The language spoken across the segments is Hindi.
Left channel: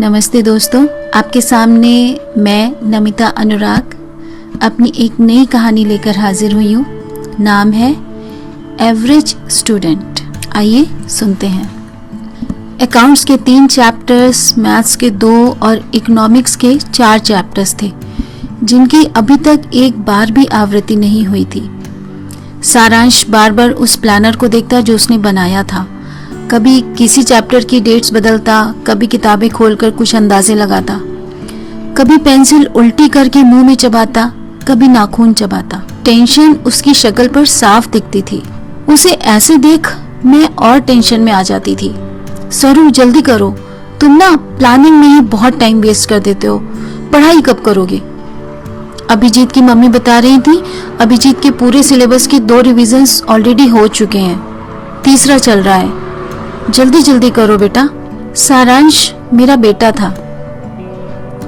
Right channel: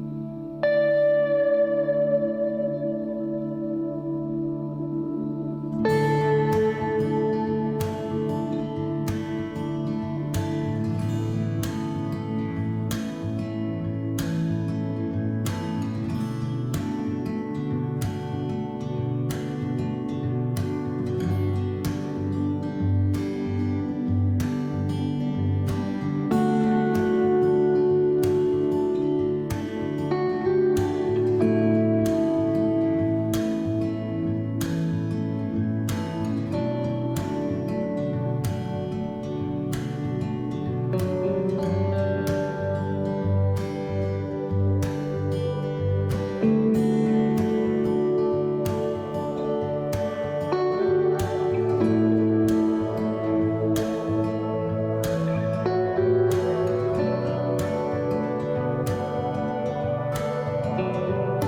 नमस्ते दोस्तों, आपके सामने मैं नमिता अनुराग अपनी एक नई कहानी लेकर हाजिर हुई हूँ। नाम है एवरेज स्टूडेंट। आइए सुनते हैं। अकाउंट्स के 3 चैप्टर्स, मैथ्स के 2 और इकोनॉमिक्स के 4 चैप्टर्स थे जिनकी अभी तक एक बार भी आवृत्ति नहीं हुई थी। सारांश बार बार उस प्लानर को देखता जो उसने बनाया था। कभी किसी चैप्टर की डेट्स बदलता, कभी किताबें खोलकर कुछ अंदाजे लगाता, कभी पेंसिल उल्टी करके मुंह में चबाता, कभी नाखून चबाता। टेंशन उसकी शक्ल पर साफ दिखती थी। उसे ऐसे देख मैं और टेंशन में आ जाती थी। सरू जल्दी करो, तुम ना प्लानिंग में ही बहुत टाइम वेस्ट कर देते हो, पढ़ाई कब करोगे? अभिजीत की मम्मी बता रही थी अभिजीत के पूरे सिलेबस के 2 रिविजन्स ऑलरेडी हो चुके हैं, 3रा चल रहा है। जल्दी जल्दी करो बेटा। सारांश मेरा बेटा था।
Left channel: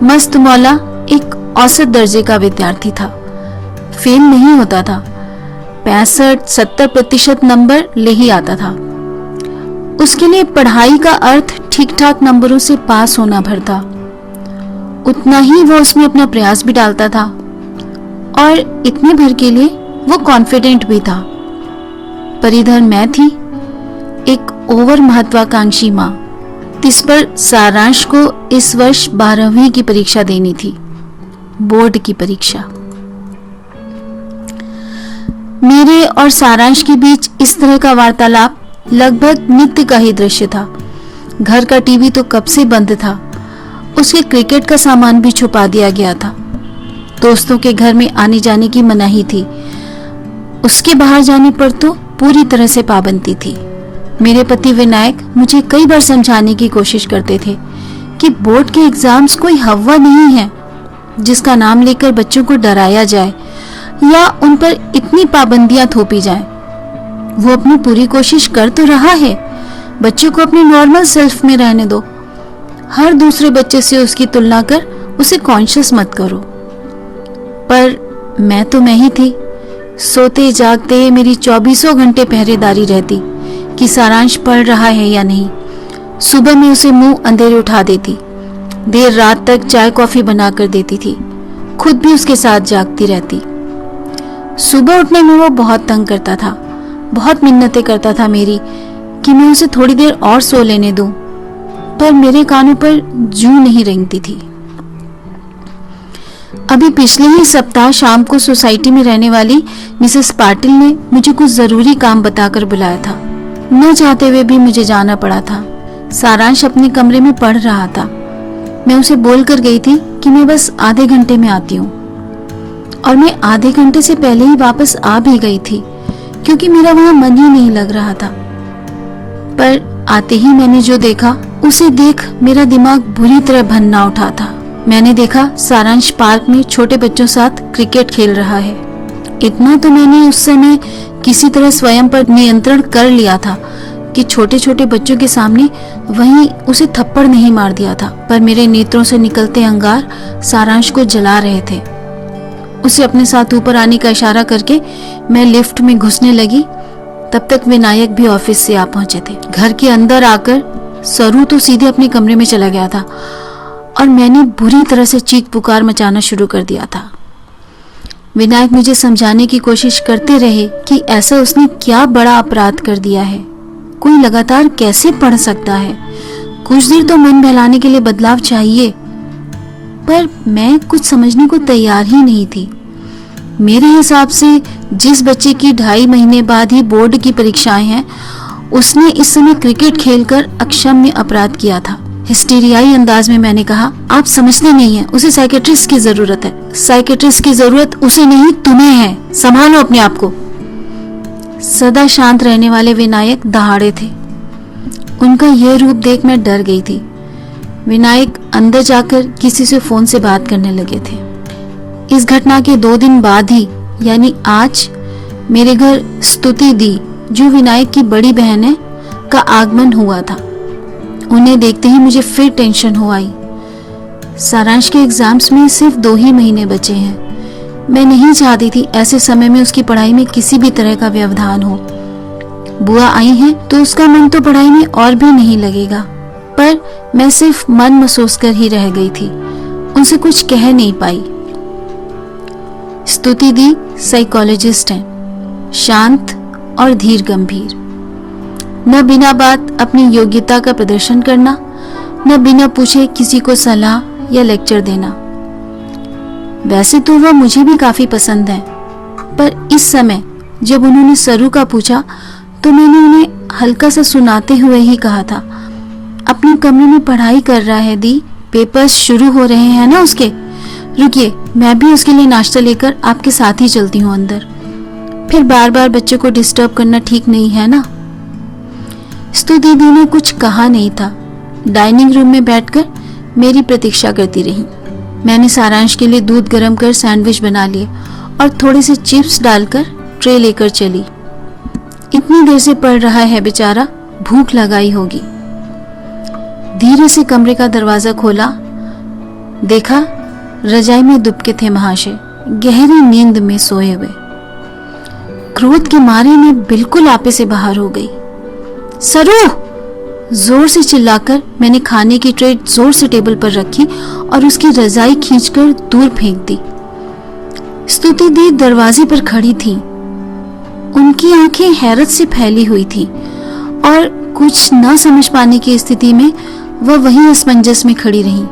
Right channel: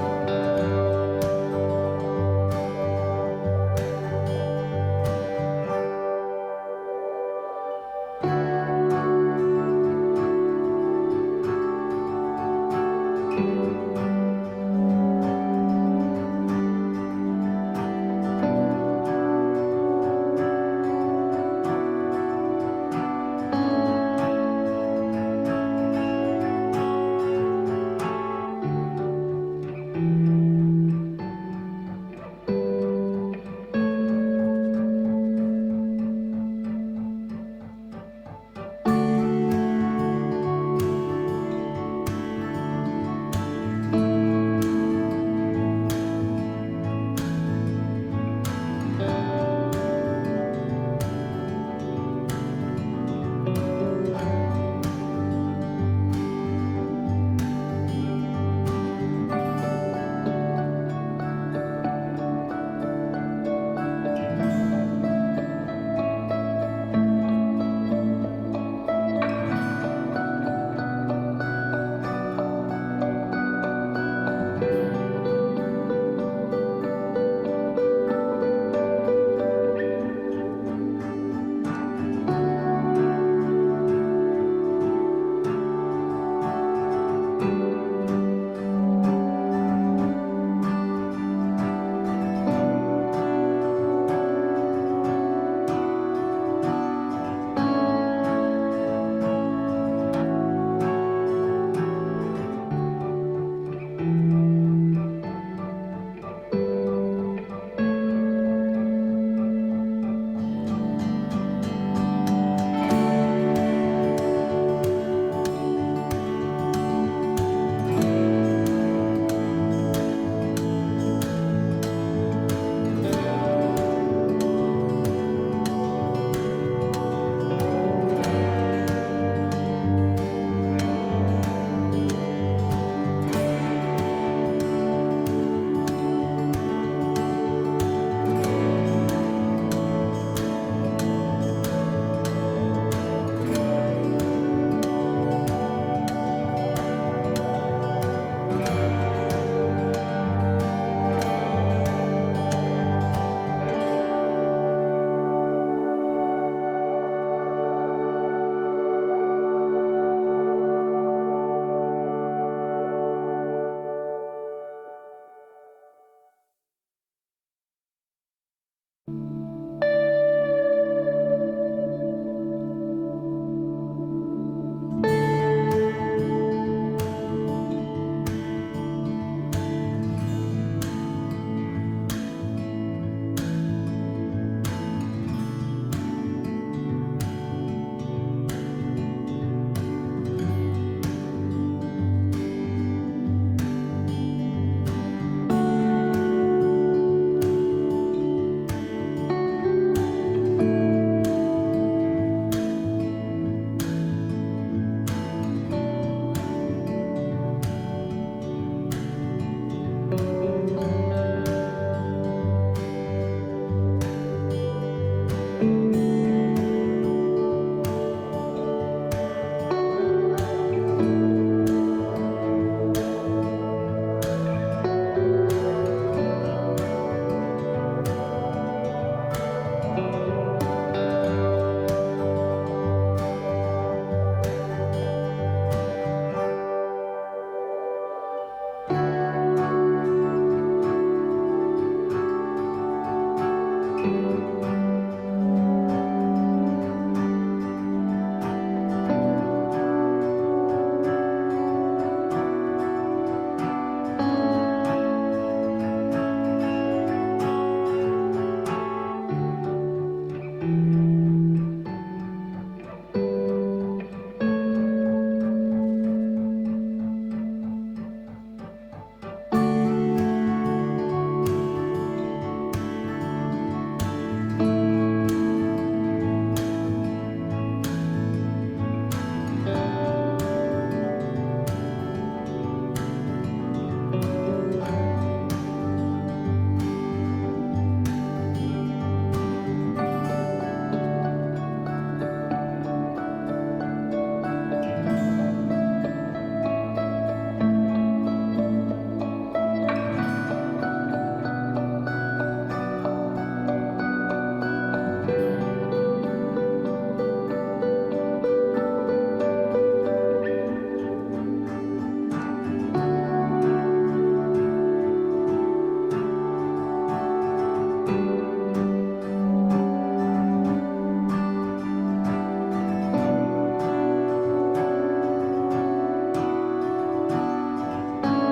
मस्त मौला एक औसत दर्जे का विद्यार्थी था। फेल नहीं होता था, 65-70% नंबर ले ही आता था। उसके लिए पढ़ाई का अर्थ ठीक ठाक नंबरों से पास होना भर था। उतना ही वो उसमें अपना प्रयास भी डालता था और इतने भर के लिए वो कॉन्फिडेंट भी था। पर इधर मैं थी एक ओवर महत्वाकांक्षी माँ। इस पर सारांश को इस वर्ष 12वीं की परीक्षा देनी थी, बोर्ड की परीक्षा। मेरे और सारांश के बीच इस तरह का वार्तालाप लगभग नित्य का ही दृश्य था। घर का टीवी तो कब से बंद था, उसके क्रिकेट का सामान भी छुपा दिया गया था। दोस्तों के घर में आने जाने की मनाही थी, उसके बाहर जाने पर तो पूरी तरह से पाबंदी थी। मेरे पति विनायक मुझे कई बार समझाने की कोशिश करते थे कि बोर्ड के एग्जाम्स कोई हवा नहीं है जिसका नाम लेकर बच्चों को डराया जाए या उन पर इतनी पाबंदियां थोपी जाएं। वो अपनी पूरी कोशिश कर तो रहा है, बच्चों को अपने नॉर्मल सेल्फ में रहने दो। हर दूसरे बच्चे से उसकी तुलना कर उसे कॉन्शियस मत करो। पर मैं तो मैं ही थी। सोते जागते मेरी 24 घंटे पहरेदारी रहती कि सारांश पढ़ रहा है या नहीं। सुबह में उसे मुंह अंधेरे उठा देती, देर रात तक चाय कॉफी बना कर देती थी, खुद भी उसके साथ जागती रहती। सुबह उठने में वो बहुत तंग करता था, बहुत मिन्नतें करता था मेरी कि मैं उसे थोड़ी देर और सो लेने दूं, पर मेरे कानों पर जूं नहीं रेंगती थी। अभी पिछले ही सप्ताह शाम को सोसाइटी में रहने वाली मिसेस पाटिल ने मुझे कुछ जरूरी काम बताकर बुलाया था। न चाहते हुए भी मुझे जाना पड़ा था। सारांश अपने कमरे में पढ़ रहा था। मैं उसे बोल कर गई थी कि मैं बस आधे घंटे में आती हूँ, और मैं आधे घंटे से पहले ही वापस आ भी गई थी क्योंकि मेरा वहां मन ही नहीं लग रहा था। पर आते ही मैंने जो देखा उसे देख मेरा दिमाग बुरी तरह भन्ना उठा था। मैंने देखा सारांश पार्क में छोटे बच्चों साथ क्रिकेट खेल रहा है। इतना तो मैंने उस समय किसी तरह स्वयं पर नियंत्रण कर लिया था कि छोटे छोटे बच्चों के सामने वहीं उसे थप्पड़ नहीं मार दिया था। पर मेरे नेत्रों से निकलते अंगार सारांश को जला रहे थे। उसे अपने साथ ऊपर आने का इशारा करके मैं लिफ्ट में घुसने लगी। तब तक विनायक भी ऑफिस से आ पहुंचे थे। घर के अंदर आकर सरू तो सीधे अपने कमरे में चला गया था और मैंने बुरी तरह से चीख पुकार मचाना शुरू कर दिया था। विनायक मुझे समझाने की कोशिश करते रहे कि ऐसा उसने क्या बड़ा अपराध कर दिया है, कोई लगातार कैसे पढ़ सकता है, कुछ देर तो मन बहलाने के लिए बदलाव चाहिए। पर मैं कुछ समझने को तैयार ही नहीं थी। मेरे हिसाब से जिस बच्चे की 2.5 महीने बाद ही बोर्ड की परीक्षाएं हैं, उसने इस समय क्रिकेट खेलकर अक्षम्य अपराध किया था। हिस्टीरियाई अंदाज में मैंने कहा, आप समझते नहीं हैं, उसे साइकेट्रिस्ट की जरूरत है। साइकेट्रिस्ट की जरूरत उसे नहीं, तुम्हें है। संभालो अपने आप को। सदा शांत रहने वाले विनायक दहाड़े थे। उनका यह रूप देख मैं डर गई थी। विनायक अंदर जाकर किसी से फोन से बात करने लगे थे। इस घटना के 2 दिन बाद ही, यानी आज, मेरे घर स्तुति दी, जो विनायक की बड़ी बहन है, का आगमन हुआ था। उन्हें देखते ही मुझे फिर टेंशन हो आई। सारांश के एग्जाम्स में सिर्फ 2 ही महीने बचे हैं। मैं नहीं चाहती थी ऐसे समय में उसकी पढ़ाई में किसी भी तरह का व्यवधान हो। बुआ आई हैं तो उसका मन तो पढ़ाई में और भी नहीं लगेगा। पर मैं सिर्फ मन महसूस कर ही रह गई थी, उनसे कुछ कह नहीं पाई। स्तुति दी साइकोलॉजिस्ट हैं, शांत और धीर गंभीर। न बिना बात अपनी योग्यता का प्रदर्शन करना, न बिना पूछे किसी को सलाह या लेक्चर देना। वैसे तो वह मुझे भी काफी पसंद है, पर इस समय जब उन्होंने सरू का पूछा तो मैंने उन्हें हल्का सा सुनाते हुए ही कहा था, अपने कमरे में पढ़ाई कर रहा है दी, पेपर्स शुरू हो रहे हैं ना उसके। रुकिए, मैं भी उसके लिए नाश्ता लेकर आपके साथ ही चलती हूँ अंदर। फिर बार बार बच्चे को डिस्टर्ब करना ठीक नहीं है ना। स्तुति दी ने कुछ कहा नहीं था, डाइनिंग रूम में बैठकर मेरी प्रतीक्षा करती रही। मैंने सारांश के लिए दूध गर्म कर सैंडविच बना लिए और थोड़े से चिप्स डालकर ट्रे लेकर चली। इतनी देर से पढ़ रहा है बेचारा, भूख लगाई होगी। धीरे से कमरे का दरवाजा खोला, देखा रजाई में दुबके थे महाशय, गहरी नींद में सोए हुए। क्रोध के मारे मैं बिल्कुल आपे से बाहर हो गई। सरू! जोर से चिल्लाकर मैंने खाने की ट्रे जोर से टेबल पर रखी और उसकी रजाई खींचकर दूर फेंक दी। स्तुति दी दरवाजे पर खड़ी थी। उनकी आंखें हैरत से फैली हुई थी और कुछ न समझ पाने की स्थिति में वह वहीं असमंजस में खड़ी रही।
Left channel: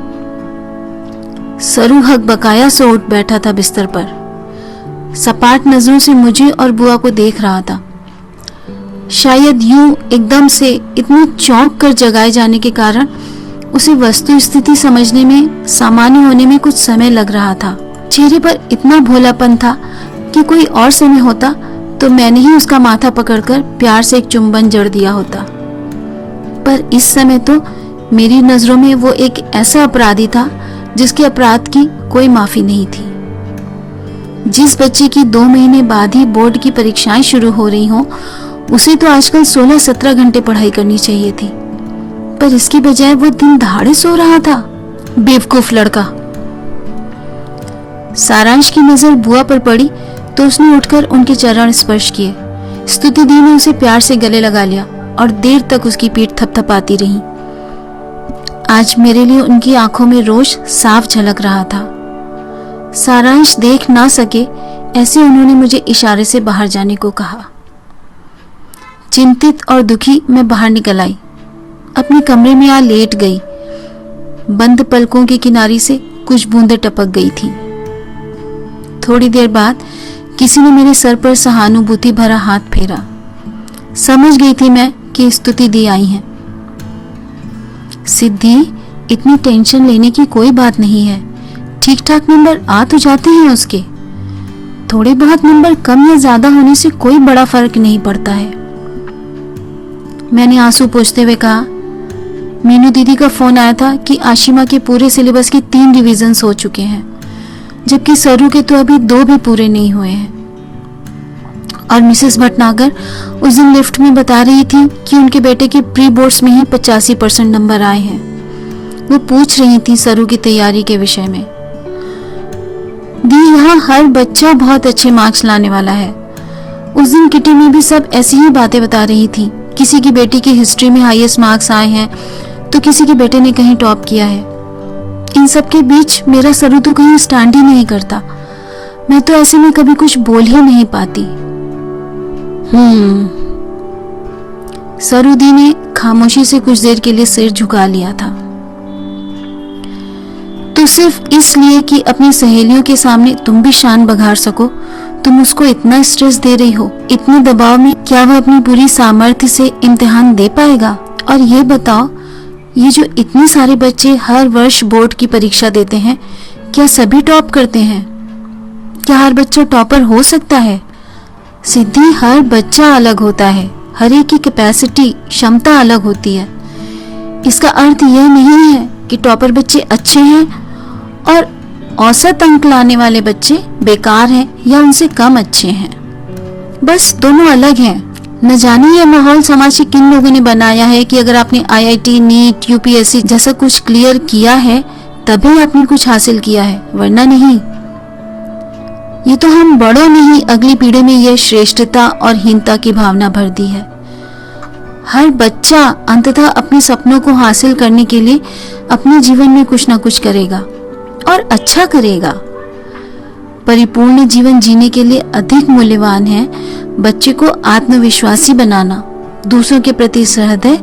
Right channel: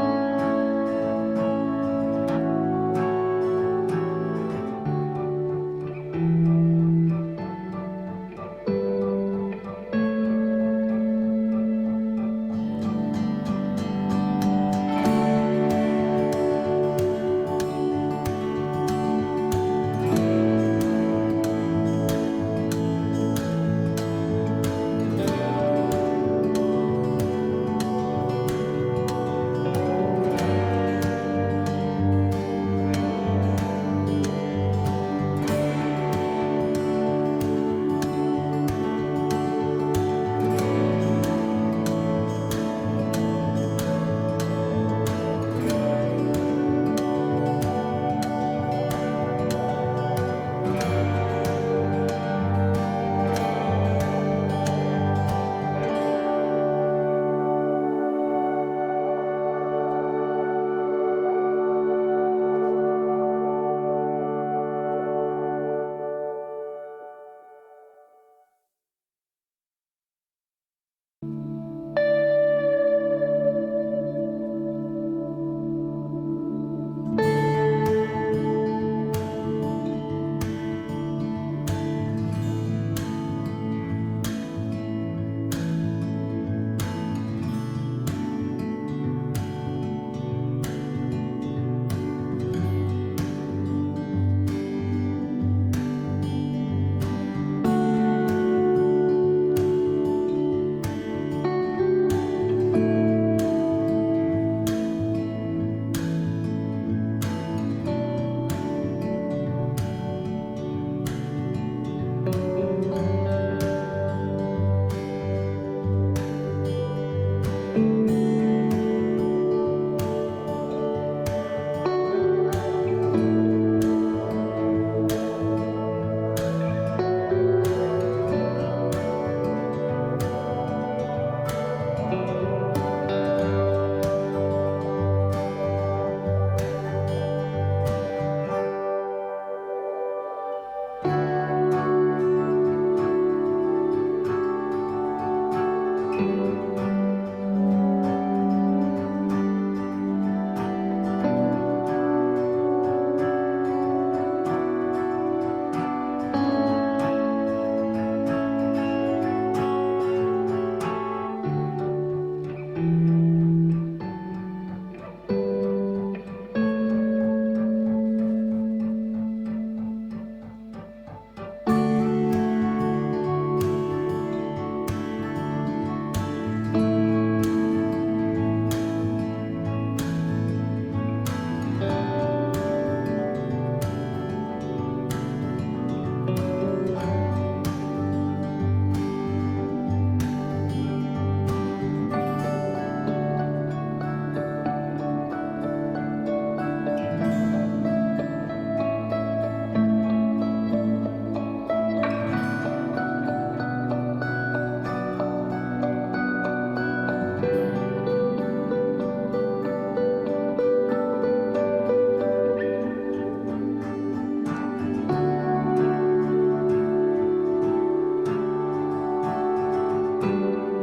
सरू हकबकाया सो उठ बैठा था बिस्तर पर, सपाट नजरों से मुझे और बुआ को देख रहा था। शायद यूं एकदम से इतने चौंक कर जगाए जाने के कारण उसे वस्तु स्थिति समझने में, सामान्य होने में कुछ समय लग रहा था। चेहरे पर इतना भोलापन था कि कोई और समय होता तो मैंने ही उसका माथा पकड़कर प्यार से एक चुंबन जड़ दिया होता, पर इस समय तो मेरी नजरों में वो एक ऐसा अपराधी था जिसके अपराध की कोई माफी नहीं थी। जिस बच्चे की 2 महीने बाद ही बोर्ड की परीक्षाएं शुरू हो रही हों, उसे तो आजकल 16-17 घंटे पढ़ाई करनी चाहिए थी, पर इसके बजाय वो दिन दहाड़े सो रहा था। बेवकूफ लड़का। सारांश की नजर बुआ पर पड़ी तो उसने उठकर उनके चरण स्पर्श किए। स्तुति दी ने उसे प्यार से गले लगा लिया और देर तक उसकी पीठ थपथपाती रही। आज मेरे लिए उनकी आंखों में रोष साफ झलक रहा था। सारांश देख ना सके ऐसे उन्होंने मुझे इशारे से बाहर जाने को कहा। चिंतित और दुखी मैं बाहर निकल आई, अपने कमरे में आ लेट गई। बंद पलकों की किनारी से कुछ बूंदें टपक गई थीं। थोड़ी देर बाद किसी ने मेरे सर पर सहानुभूति भरा हाथ फेरा। समझ गई थी मैं कि स्तुति दी आई हैं। सिद्धि, इतनी टेंशन लेने की कोई बात नहीं है, ठीक ठाक नंबर आ तो जाते हैं उसके। थोड़े बहुत नंबर कम या ज्यादा होने से कोई बड़ा फर्क नहीं पड़ता है। मैंने आंसू पोंछते हुए कहा, मीनू दीदी का फोन आया था कि आशिमा के पूरे सिलेबस के 3 रिवीजन्स हो चुके हैं, जबकि सरू के तो अभी 2 भी पूरे नहीं हुए हैं। और मिसेस भटनागर उस दिन लिफ्ट में बता रही थी कि उनके बेटे के प्री बोर्ड्स में ही 85% नंबर आए हैं। वो पूछ रही थी सरू की तैयारी के विषय में। दी, यहाँ हर बच्चा बहुत अच्छे मार्क्स लाने वाला है। उस दिन किटी में भी सब ऐसी ही बातें बता रही थी। किसी की बेटी की हिस्ट्री में हाईएस्ट मार्क्स आए हैं तो किसी के बेटे ने कहीं टॉप किया है। इन सब के बीच मेरा सरू तो कहीं स्टैंड ही नहीं करता। मैं तो ऐसे में कभी कुछ बोल ही नहीं पाती। सरू दी ने खामोशी से कुछ देर के लिए सिर झुका लिया था। तो सिर्फ इसलिए कि अपनी सहेलियों के सामने तुम भी शान बघार सको, तुम उसको इतना स्ट्रेस दे रही हो। इतने दबाव में क्या वह अपनी पूरी सामर्थ्य से इम्तिहान दे पाएगा? और ये बताओ, ये जो इतने सारे बच्चे हर वर्ष बोर्ड की परीक्षा देते हैं, क्या सभी टॉप करते हैं? क्या हर बच्चा टॉपर हो सकता है? सिद्धि, हर बच्चा अलग होता है, हर एक की कैपेसिटी, क्षमता अलग होती है। इसका अर्थ यह नहीं है कि टॉपर बच्चे अच्छे हैं और औसत अंक लाने वाले बच्चे बेकार हैं या उनसे कम अच्छे हैं। बस दोनों अलग हैं। न जाने यह माहौल समाज के किन लोगों ने बनाया है कि अगर आपने IIT, नीट, UPSC जैसा कुछ क्लियर किया है तभी आपने कुछ हासिल किया है, वरना नहीं। ये तो हम बड़ों ने ही अगली पीढ़ी में यह श्रेष्ठता और हीनता की भावना भर दी है। हर बच्चा अंततः अपने सपनों को हासिल करने के लिए अपने जीवन में कुछ ना कुछ करेगा और अच्छा करेगा। परिपूर्ण जीवन जीने के लिए अधिक मूल्यवान है बच्चे को आत्मविश्वासी बनाना, दूसरों के प्रति सहृदय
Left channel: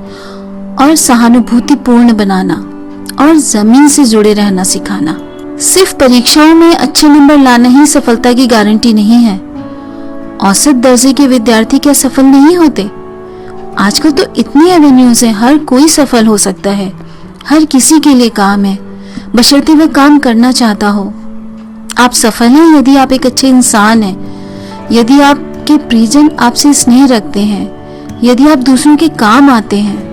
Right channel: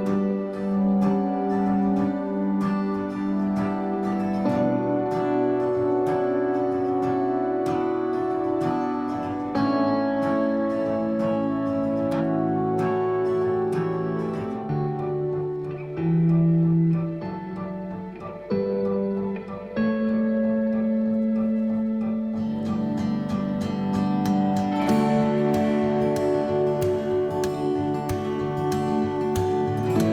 और सहानुभूतिपूर्ण बनाना और जमीन से जुड़े रहना सिखाना। सिर्फ परीक्षाओं में अच्छे नंबर लाना ही सफलता की गारंटी नहीं है। औसत दर्जे के विद्यार्थी क्या सफल नहीं होते? आजकल तो इतनी एवेन्यूज है, हर कोई सफल हो सकता है। हर किसी के लिए काम है, बशर्ते वह काम करना चाहता हो। आप सफल हैं यदि आप एक अच्छे इंसान हैं, यदि आपके प्रियजन आपसे स्नेह रखते हैं, यदि आप दूसरों के काम आते हैं।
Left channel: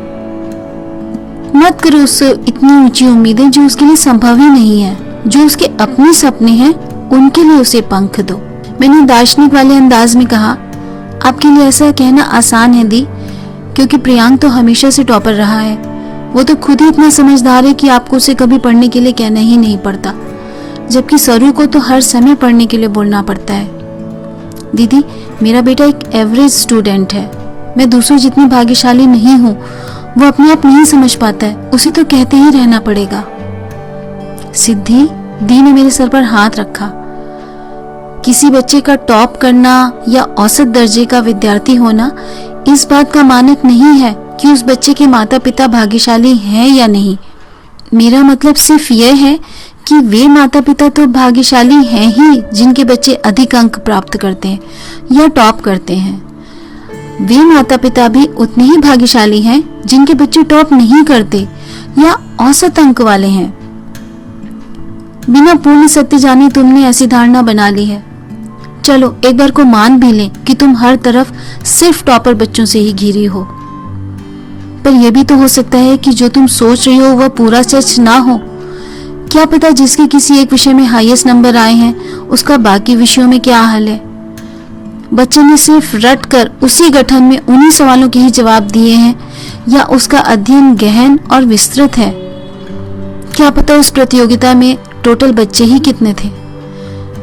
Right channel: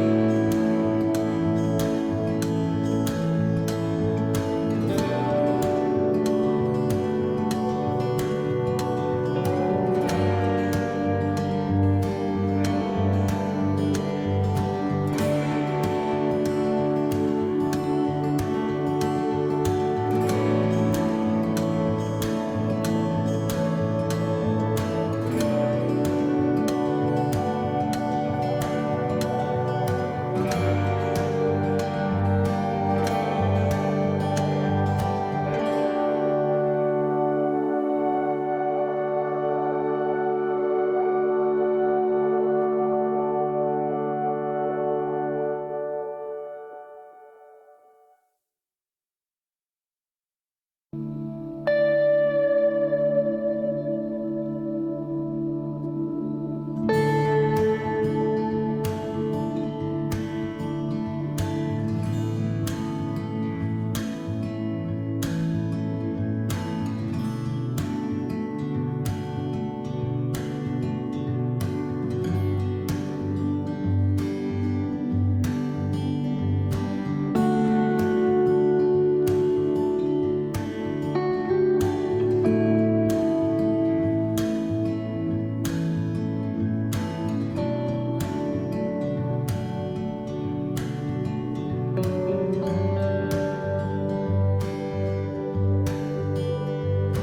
मत करो उससे इतनी ऊंची उम्मीदें जो उसके लिए संभव ही नहीं है। जो उसके अपने सपने हैं उनके लिए उसे पंख दो। मैंने दार्शनिक वाले अंदाज में कहा, आपके लिए ऐसा कहना आसान है दी, क्योंकि प्रियांक तो हमेशा से टॉपर रहा है। वो तो खुद ही इतना समझदार है कि आपको उसे कभी पढ़ने के लिए कहना ही नहीं पड़ता, जबकि सरू को तो हर समय पढ़ने के लिए बोलना पड़ता है। दीदी, मेरा बेटा एक एवरेज स्टूडेंट है। मैं दूसरों जितनी भाग्यशाली नहीं हूँ, वो अपने आप नहीं समझ पाता है, उसे तो कहते ही रहना पड़ेगा। सिद्धि, दी ने मेरे सर पर हाथ रखा। किसी बच्चे का टॉप करना या औसत दर्जे का विद्यार्थी होना इस बात का मानक नहीं है कि उस बच्चे के माता पिता भाग्यशाली हैं या नहीं। मेरा मतलब सिर्फ यह है कि वे माता पिता तो भाग्यशाली हैं ही जिनके बच्चे अधिक अंक प्राप्त करते हैं या टॉप करते हैं। वे माता पिता भी उतने ही भाग्यशाली हैं जिनके बच्चे टॉप नहीं करते या औसत अंक वाले हैं। बिना पूर्ण सत्य जाने तुमने ऐसी धारणा बना ली है। चलो एक बार को मान भी लें कि तुम हर तरफ सिर्फ टॉपर बच्चों से ही घिरी हो, पर यह भी तो हो सकता है कि जो तुम सोच रही हो वह पूरा सच ना हो। क्या पता जिसके किसी एक विषय में हाईएस्ट नंबर आए हैं उसका बाकी विषयों में क्या हाल है। बच्चे ने सिर्फ रट कर उसी गठन में उन्हीं सवालों के ही जवाब दिए हैं या उसका अध्ययन गहन और विस्तृत है। क्या पता उस प्रतियोगिता में टोटल बच्चे ही कितने थे।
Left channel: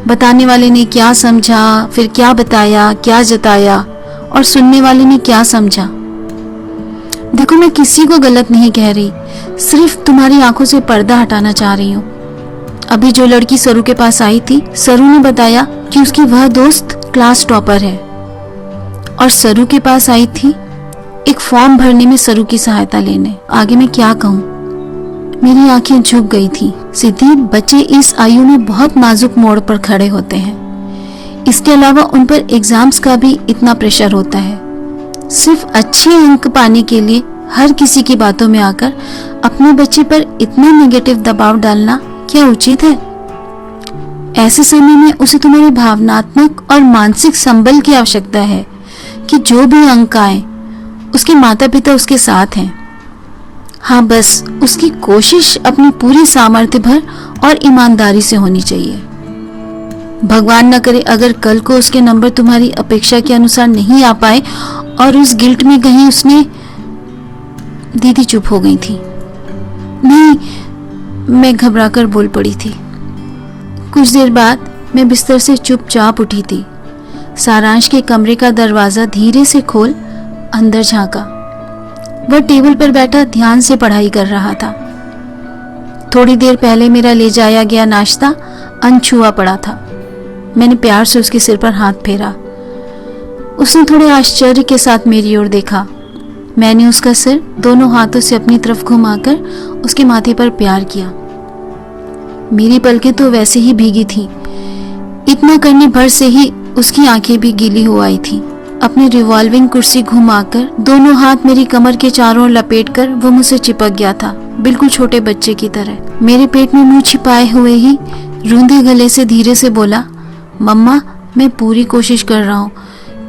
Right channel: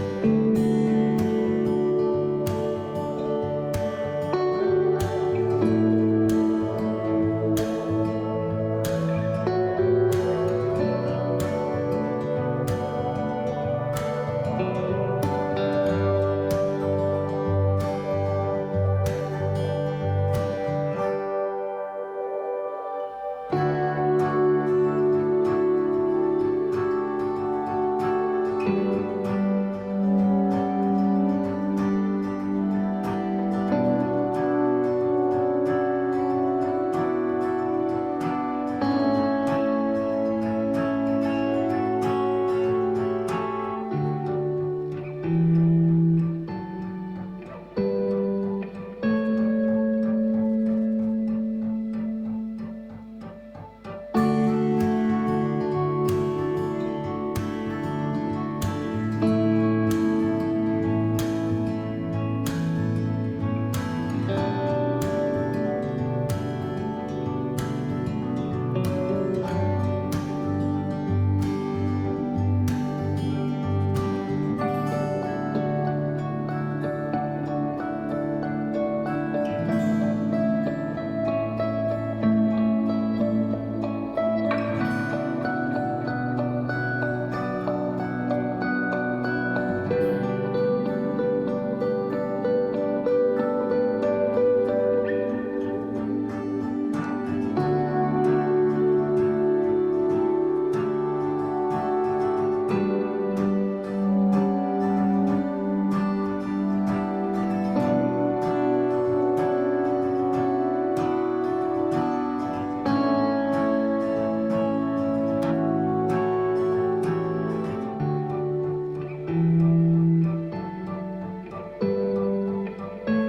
बताने वाले ने क्या समझा, फिर क्या बताया, क्या जताया, और सुनने वाले ने क्या समझा। देखो, मैं किसी को गलत नहीं कह रही, सिर्फ तुम्हारी आंखों से पर्दा हटाना चाह रही हूँ। अभी जो लड़की सरू के पास आई थी, सरू ने बताया कि उसकी वह दोस्त क्लास टॉपर है, और सरू के पास आई थी एक फॉर्म भरने में सरू की सहायता लेने। आगे मैं क्या कहूँ, मेरी आंखें झुक गई थी। सिद्धि, बच्चे इस आयु में बहुत नाजुक मोड़ पर खड़े होते हैं। इसके अलावा उन पर एग्जाम्स का भी इतना प्रेशर होता है। सिर्फ अच्छे अंक पाने के लिए हर किसी की बातों में आकर अपने बच्चे पर इतना नेगेटिव दबाव डालना क्या उचित है? ऐसे समय में उसे तुम्हारे भावनात्मक और मानसिक संबल की आवश्यकता है कि जो भी अंक आए उसके माता पिता उसके साथ हैं। हाँ, बस उसकी कोशिश अपनी पूरी सामर्थ्य भर और ईमानदारी से होनी चाहिए। भगवान न करे अगर कल को उसके नंबर तुम्हारी अपेक्षा के अनुसार नहीं आ पाए और उस गिल्ट में कहीं उसने। दीदी चुप हो गई थी। नहीं, मैं घबराकर बोल पड़ी थी। कुछ देर बाद मैं बिस्तर से चुपचाप उठी थी। सारांश के कमरे का दरवाजा धीरे से खोल अंदर झांका। वह टेबल पर बैठा ध्यान से पढ़ाई कर रहा था। थोड़ी देर पहले मेरा ले जाया गया नाश्ता अनछुआ पड़ा था। मैंने प्यार से उसके सिर पर हाथ फेरा। उसने थोड़े आश्चर्य के साथ मेरी ओर देखा। मैंने उसका सिर दोनों हाथों से अपनी तरफ घुमाकर उसके माथे पर प्यार किया। मेरी पलकें तो वैसे ही भीगी थीं। इतना करने भर से ही उसकी आंखें भी गीली हो आई थीं। अपनी रिवॉल्विंग कुर्सी घुमाकर दोनों हाथ मेरी कमर के चारों ओर लपेटकर वो मुझसे चिपक गया था, बिल्कुल छोटे बच्चे की तरह। मेरे पेट में मुंह छिपाए हुए ही रूंधे गले से धीरे से बोला, मम्मा, मैं पूरी कोशिश कर रहा हूँ,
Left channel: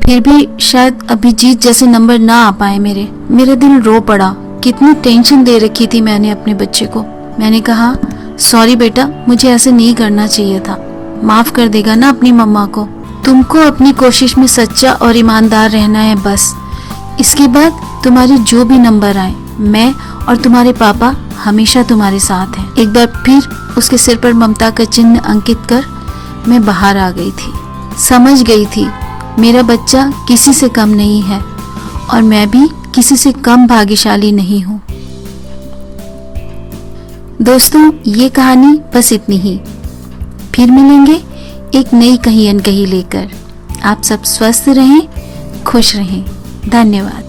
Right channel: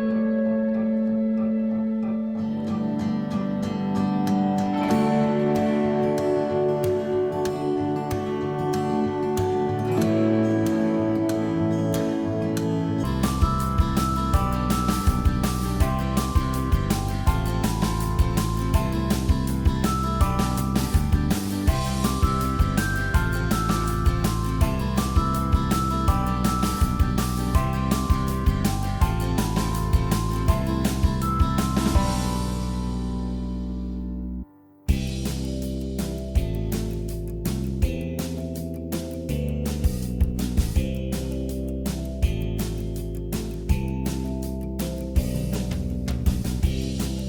फिर भी शायद अभिजीत जैसे नंबर ना आ पाए मेरे। मेरा दिल रो पड़ा। कितनी टेंशन दे रखी थी मैंने अपने बच्चे को। मैंने कहा, सॉरी बेटा, मुझे ऐसे नहीं करना चाहिए था। माफ कर देगा ना अपनी मम्मा को? तुमको अपनी कोशिश में सच्चा और ईमानदार रहना है बस। इसके बाद तुम्हारी जो भी नंबर आए, मैं और तुम्हारे पापा हमेशा तुम्हारे साथ हैं। एक बार फिर उसके सिर पर ममता का चिन्ह अंकित कर मैं बाहर आ गई थी। समझ गई थी मेरा बच्चा किसी से कम नहीं है और मैं भी किसी से कम भाग्यशाली नहीं हूँ। दोस्तों, ये कहानी बस इतनी ही। फिर मिलेंगे एक नई कही अनकही लेकर। आप सब स्वस्थ रहें, खुश रहें। धन्यवाद।